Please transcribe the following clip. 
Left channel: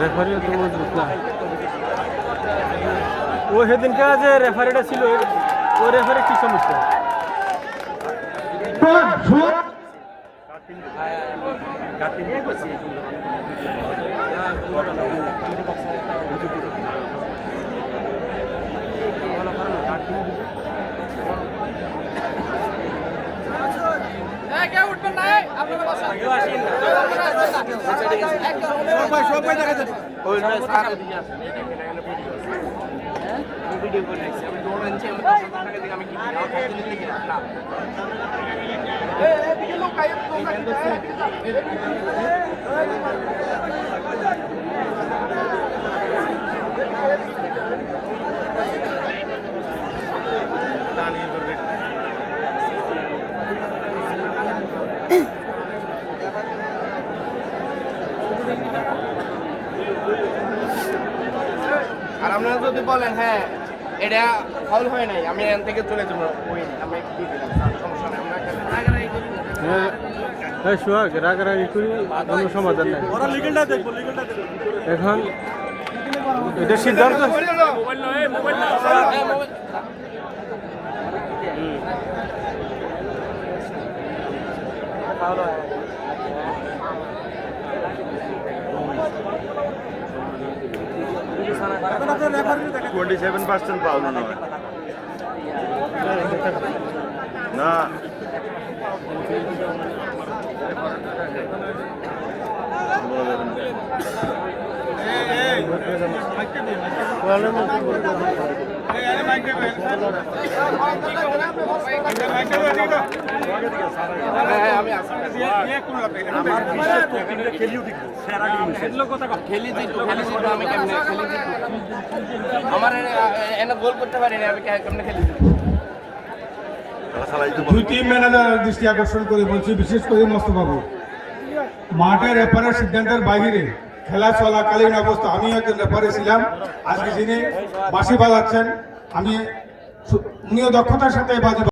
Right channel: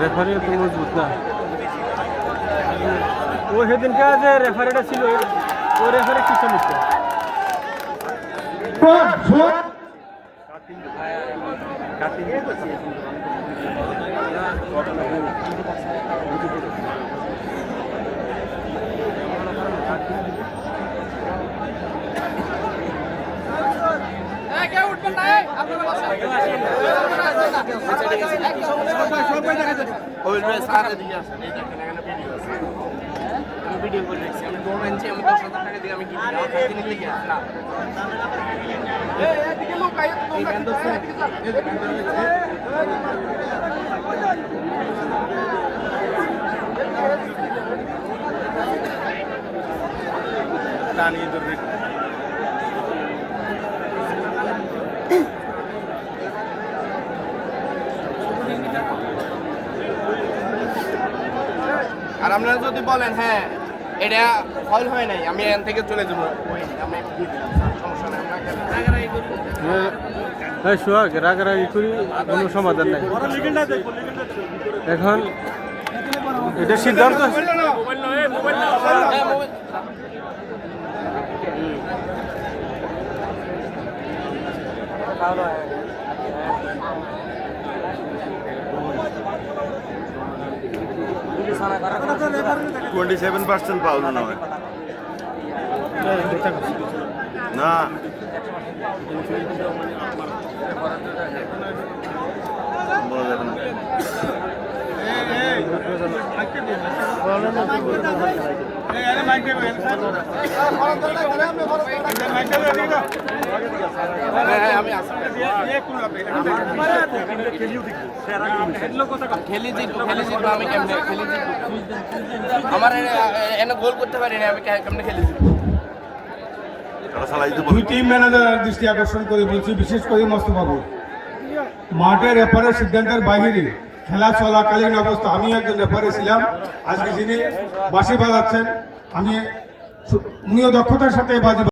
রেফারিও তো মজবুত না। ও সেদিনকার যে রেফারিটা ছিল ওই রেফারি কি সমস্যা? আর আপনারা যদি বলেন হ্যাঁ এটা ফাউল হয় নাই, আমি এখান থেকে চলে যাবো, সোহাগ রাগারাগি করি কোনো সমাধান নাই। এখন এটা সিদ্ধান্ত পাওয়া না দুই টিম ম্যানেজার দৃষ্টি আকর্ষণ করে বলছি, বিশেষ করে মোস্তফাবাবু, মাঠের রেফারের সিদ্ধান্তের বাইরে খেলা চলাকালীন অবস্থা আমি একজন রেফারি ছিলাম, আজকে যিনি বাঁশি বাজাচ্ছেন উনিও দক্ষতার সাথে বাজি